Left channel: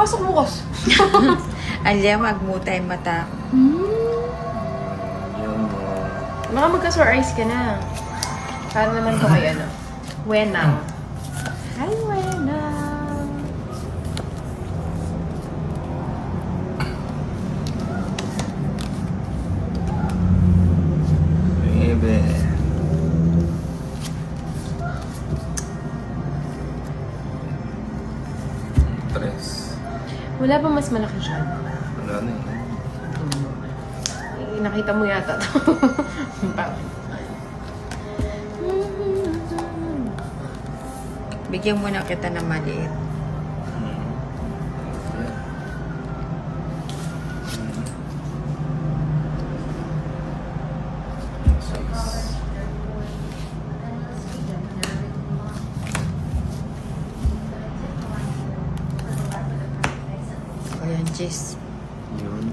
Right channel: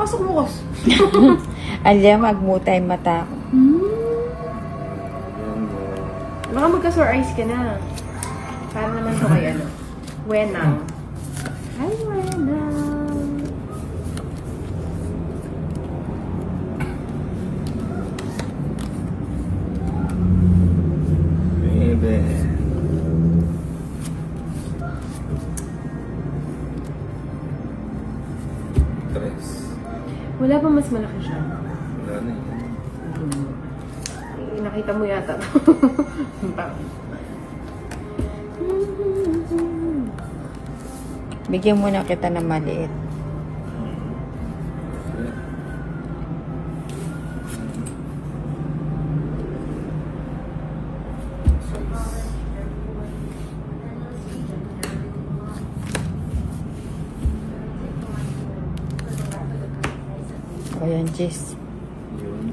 pasok bukas. Alya, magmutay mata ko. Baka magka-sore eyes ka na. Para naman ko kay ano. Wenang. Hi, Wenang. Bebe. Tres. Wala ba mas malaki siya? Wala na. Nakita mo yata. Bigyan mo na kita ng maliit. O yan, Jis.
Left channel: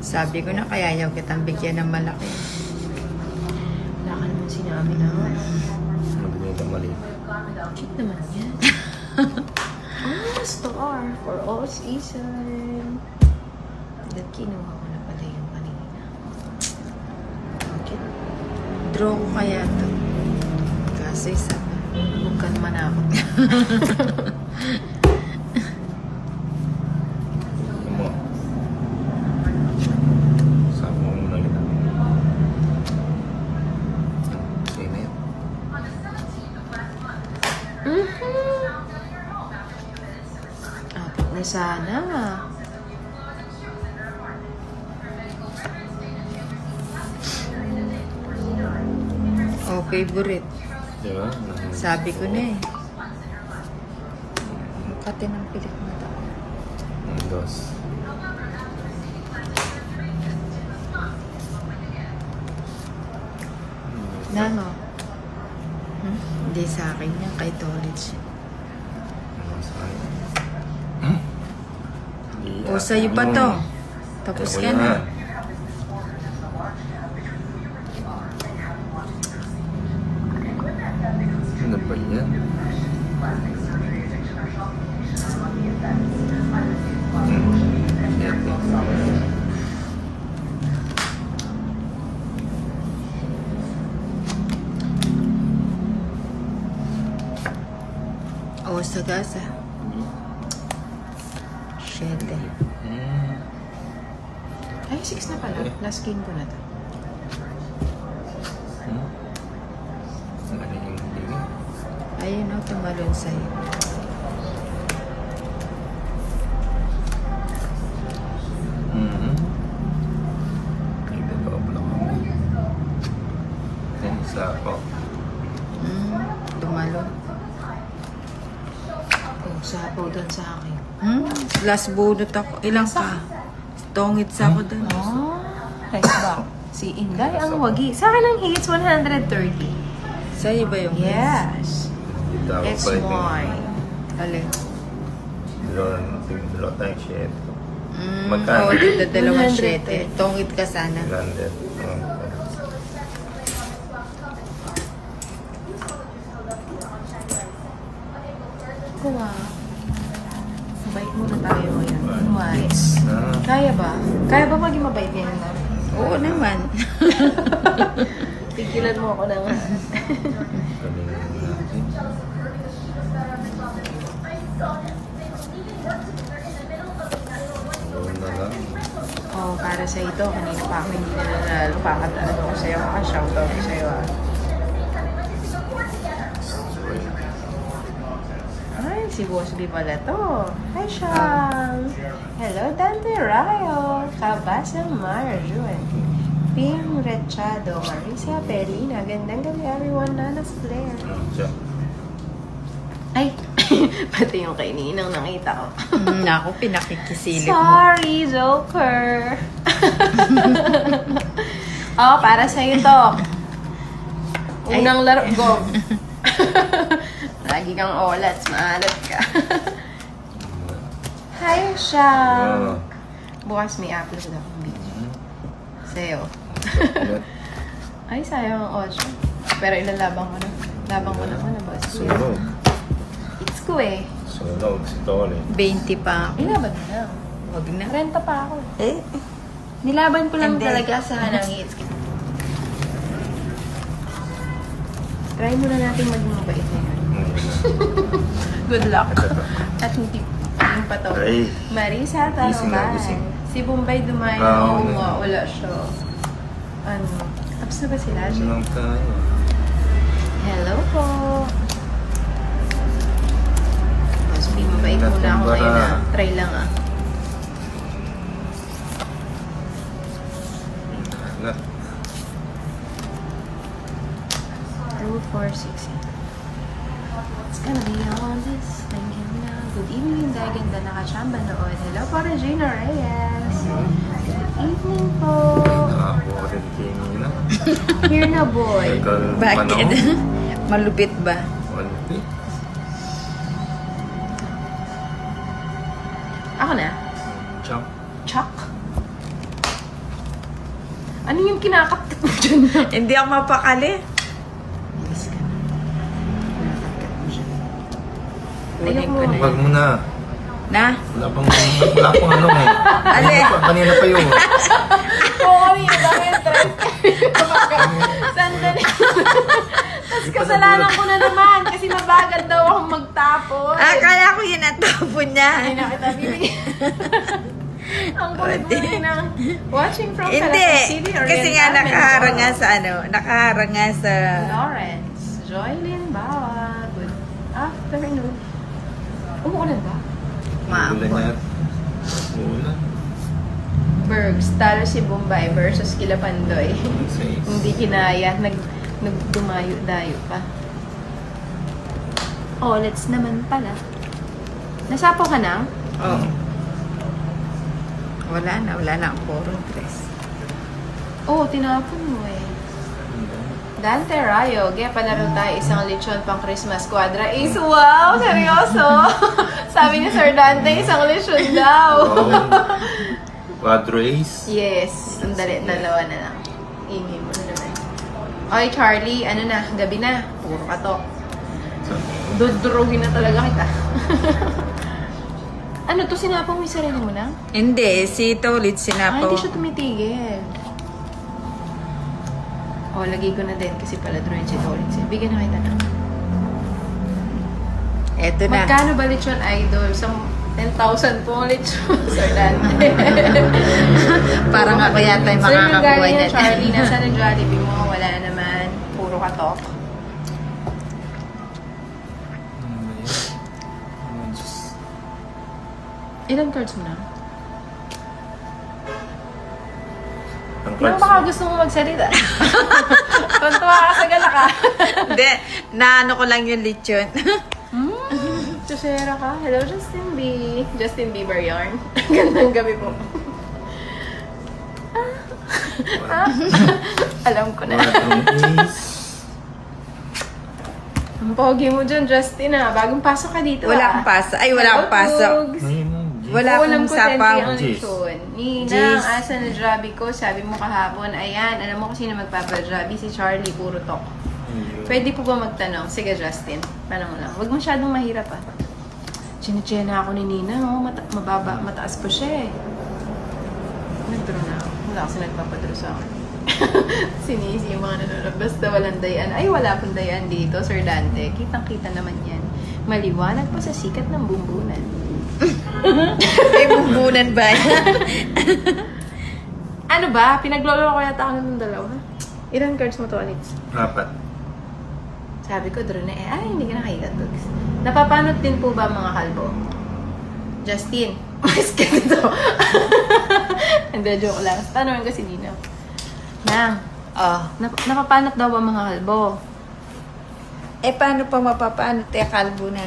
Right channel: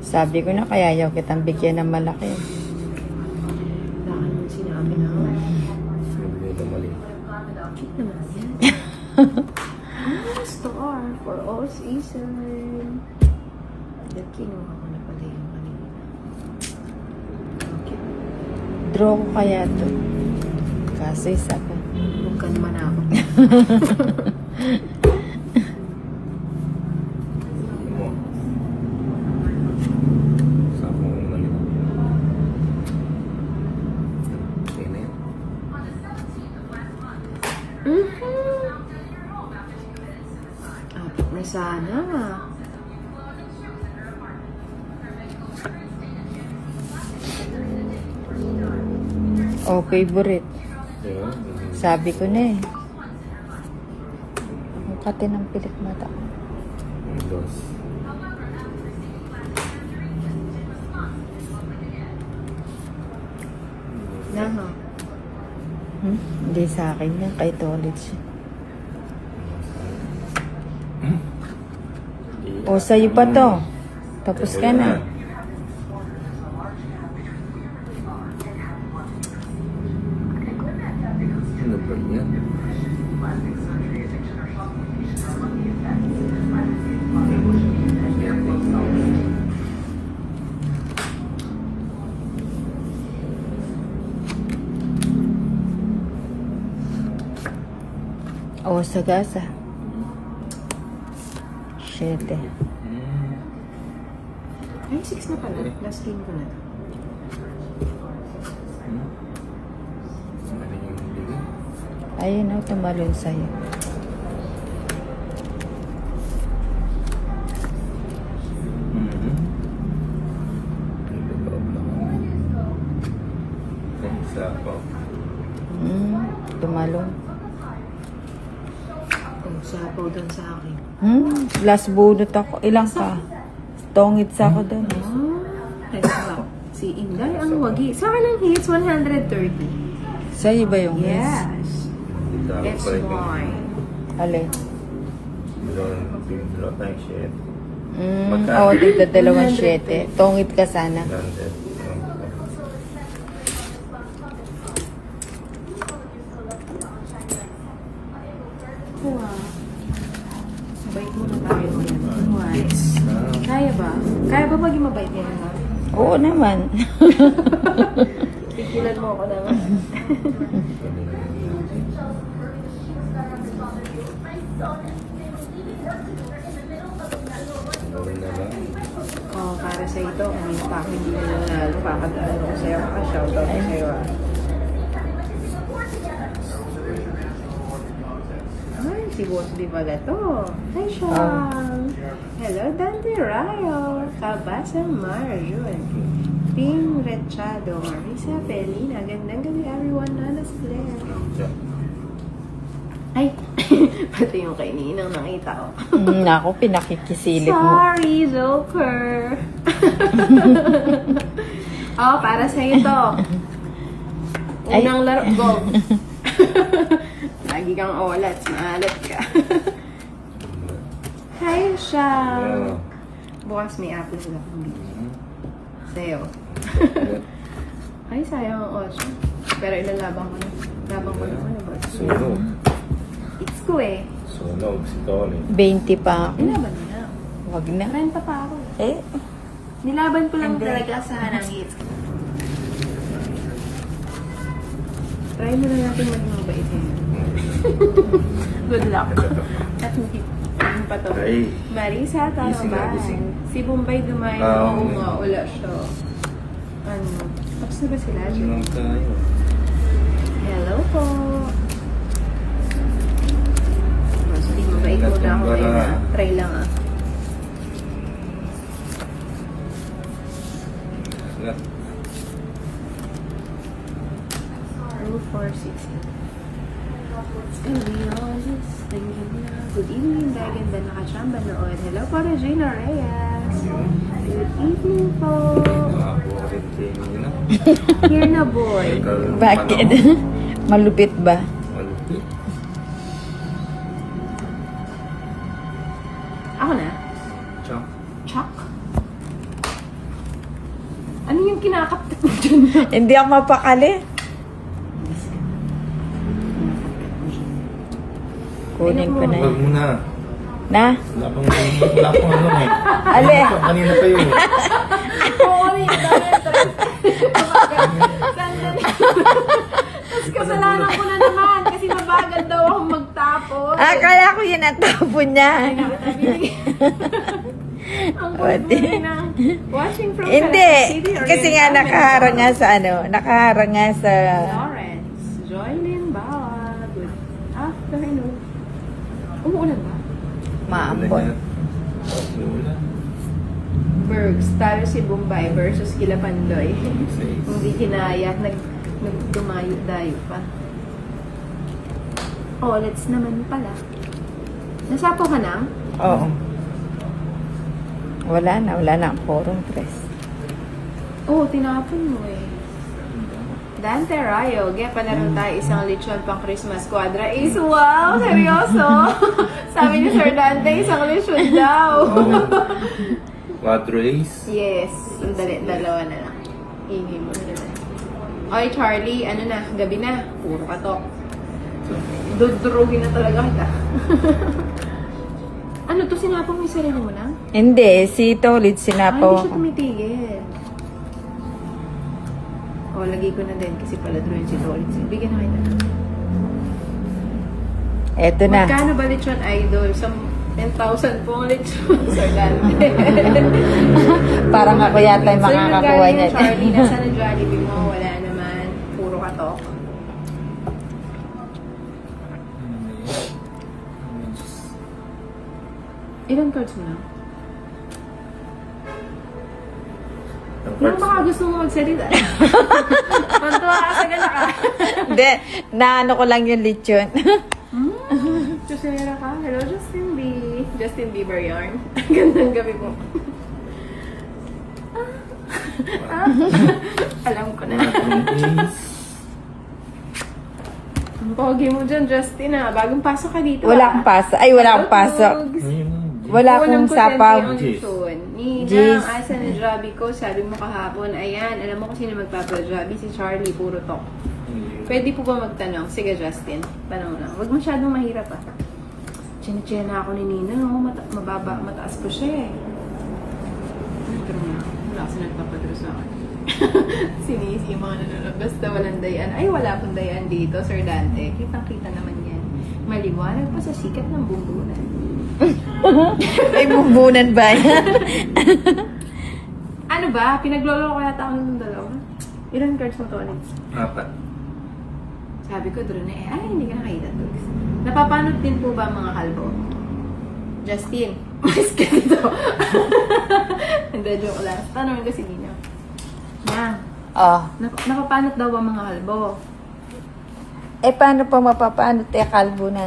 Sabi ko na kaya ayaw kitang bigyan ng malaki. Wala ka naman sinabi naman. Nagbigay ka mali. Cute naman yan. Star for all season. Laki naman ko na pala yung kanina. Draw ko kaya to. Kaso isa pa. Huwag ka naman ako. Sana. Oh, favorite. Diba? Sabi ko na eh. Kati ng pilik mata. Dos. Nano? Hindi sa akin yung kay Tolits. O, sa'yo pa to. Tapos ka na. Ano ba yan? O, sagasa. 7. Ay, 6 na pala. Last game ko na to. Ayun o, tumalon sa'yo. Tumalon. Sapo doon sa akin. Last bunot ako. Ilang ka? Tongit sa ako doon. Oh, nice ba? Si Inday ang wagi. Sa akin ang hits 130. Sa'yo ba yung Yes. It's mine. Alin? Bilo tayong shit. Oo, dito 2.7. Tongit ka sana. Bait muna tayo. Nice. Kaya ba? Kaya ba maging mabait yan? Oo naman. Pigilan mo ako naman. Para sa ito, kung yung pakin dito na pakatalan ko sa'yo, maka-shoutout ko sa'yo. Ay, si Boss B pala to. Hi, Sean! Hello, Dante Rayo! Kabasang Marjun! Pim Rechado, Marisa Perina. Gandang gabi, everyone. Nanas Claire. Ay! Pati yung kay Ninang nakita ko. Ako, pinakikisilip mo. Sorry, Joker. Oh, para sa'yo to. Unang laro. Go. Lagi kang olats. Maalat ka. Hi, siya. Bukas may apples na akong video. Sa'yo. Ay, sayang ang 8. Pero ilalabang ko na. Labang ko na palabas. Sunod. It's ko eh. Sunod, si Tony. 20 pa ako. Ilaban na lang. Wag na. Renta pa ako. Eh, Nilaban ko lang Hindi. talaga sa hanang hits. Try muna natin maging mabait. Good luck. At hindi pa to. Ay. Marisa, Gising na, gising. Taloban. Si Bombay dumayo. Oo, Oo nga, wala siya. Ano? Tapos na ba sila? Sinang ka. Hello po. Tapos hindi mabait muna ako ngayon ah. Try lang ah. Wala. 2, 4, 6, 8. It's gonna be all this. Thinking na. Good evening, gaganda nakachamba noon. Hello po, Regina Reyes. Good evening po. Nakakuha rin kayo nyo na. Here na, boy. bakit? Malupit ba? Walpi. Ako na. Chop. Chuck. Ano yung kinakapit mo dyan? Hindi ako mapakali. Kunin ko na Wag yun. mo na. Na? Wala pang ano eh. Ale. Kanina pa yun. Sorry, dahil sandali. Tapos kasalanan ko na naman kasi mabagal daw akong magtapon. Akala ko yun ang tapon niya. Ang kulit na watching from Hindi. Salata City. Kasi nga nakaharang nga sa ano. Nakaharang nga sa... Lawrence, Joylyn Bawa. Good afternoon. Umuulan ba? Maambon. Wala. Bergs, talo si Bombay versus Kilapandoy. Says. Hindi kinaya. Nagdumayo-dayo pa. Oh, let's naman pala. Nasapo ka na? Oo. Wala na ang forum press. Oh, tinapon mo eh. Dante Rayo, kaya palaro tayo isang lechon pang Christmas Quadra Ace. Wow, seryoso? Sabi ni Sir Dante, isang lechon daw. Oh. Quadro Ace. Yes, sandali, dalawa na lang. Imi mo na. Oy, Charlie, ano na, gabi na. Puro katok. Dudurugin na talaga kita. Ano to, sinapang may sarili mo na? Hindi, si Tolit Hindi sinapaw. siya tumitigil. O, lagay ko na din kasi pala droid si Tolit. Bigyan na kita na. Eto na. Magkano ba lechon idol? 10,000 po lechon sa dati. Parang ako yata yung makakakuha niya. Charlie, nasa na Jollibee mo? Wala na naman. Puro katok. Ilang cards mo na? Ang Yung cards baka mo. gusto mo magsalita. Tuntua ka sa gala ka. Hindi, naano ko lang yung lechon. Chusera ka. Hello, Justin B. Justin Bieber yarn. Gandang gabi mo. Alam ko na. Quadro Ace. Ang pogi mo dyan, Justin ah. Bagong pasok ka dito Wala ah. akong pasok. Ay, wala akong pasok. Ayun. Wala akong sapaw. Jeez. Nina, Jeez. asa na Jabi ko? Sabi mo kahapon, ayan, alam mo kung sino magpapajabi? Si Charlie, puro talk. Pwede po ba magtanong? Sige, Justin. Tanong mo lang. Huwag masyadong mahirap ah. Chine-chena ako ni Nina. Oh, mataas pa siya eh. Nagtaro na ako. Wala kasi nagpapadalo sa akin. Sinisi yung mga nanonood. Basta walang dayan. Ay, wala pong dayan dito, Sir Dante. Kitang-kita naman yan. Maliwanag pa sa sikat ng bumbunan. May bumbunan ba? Ano ba? Pinaglolo ko yata ako ng dalawa. Ilan cards mo to, Alex? 4. Sabi ko, draw na eh. Ay, hindi ka nakita, Tugs. Napapanot din po ba mga kalbo? Justin. Mas ganito. Hindi, joke lang. Tanong ko si Nina. Nang, Oh. napapanot daw ba mga kalbo? Eh, paano pa mapapaano? Kalbo na.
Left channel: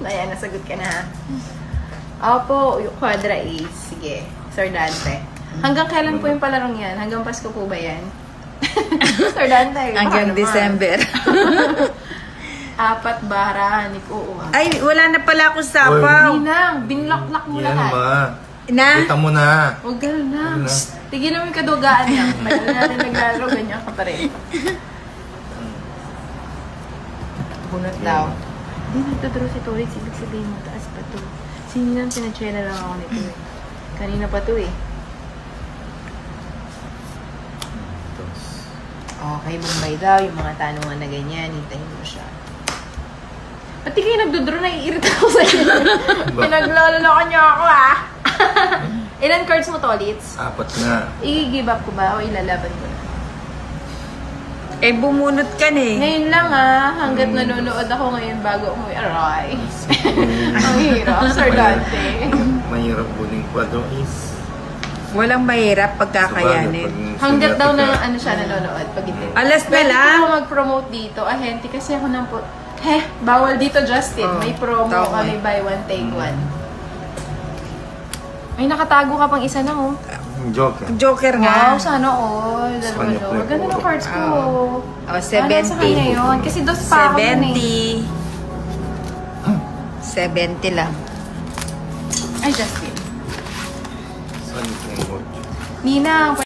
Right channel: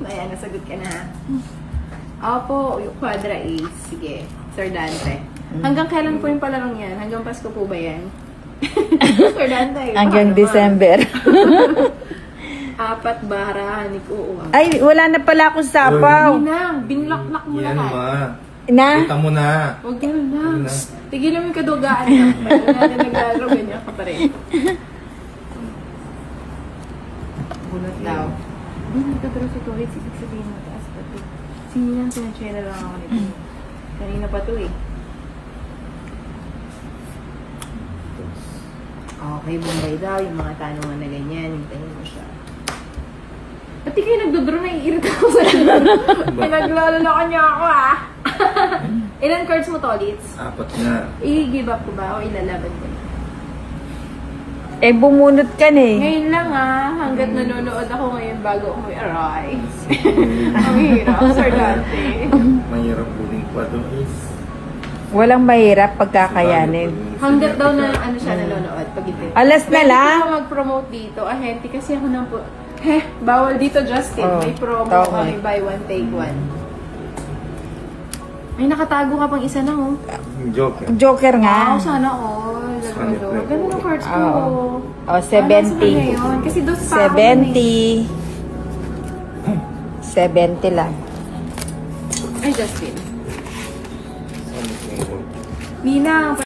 Ayan, nasagot ka na. Opo, yung Quadra Ace. Sige, Sir Dante. Hanggang kailan po yung palarong yan? Hanggang Pasko po ba yan? Sir Dante. Hanggang paano ba? December. 4 bara, nag-uuwa. Ay, wala na pala akong sapaw. Ninang, binlock-lock mo Yan lahat. ma. Na? Kita mo na. Huwag gano'n na. Yun na. Tigilan mo yung kadugaan lang. Tagal na naglaro, ganyan ka pa rin. Bunot daw. Hindi, nagtuturo sa tuwid. Ibig sabihin mataas pa to. Sinilang sinachela lang ako nito. Kanina pa to eh. Tapos, Okay, Bombay daw. Yung mga tanungan na ganyan, hintayin mo siya. Pati kayo nagdodraw, naiirita ako sa inyo. Pinaglalala niyo ako ah. Ilan cards mo to, Litz? 4 na. I-give up ko ba o ilalaban mo? Eh, bumunot ka na eh. Ngayon lang ah, hanggat nanonood ako ngayon bago ko aray. Ang hirap, Sir Dante. Mahirap huling 4 ace. Walang mahirap pagkakayanin. Hanggat daw na ano siya nanonood. Pag ito. Alas na Pwede lang. ko mag-promote dito. Ahente kasi ako nang bawal dito, Justin. Oh, May promo tama. kami, buy one, take one. Ay, nakatago ka pang isa na oh. Joker. Joker nga. Wow, sana all. Dalawa Sana joke. Ganda ng cards ko. Oo. Oh, Ano sa kanya 70. yun? Kasi dos pa ako yun eh. 70 lang. Ay, Justin. Saan yung 8? Nina,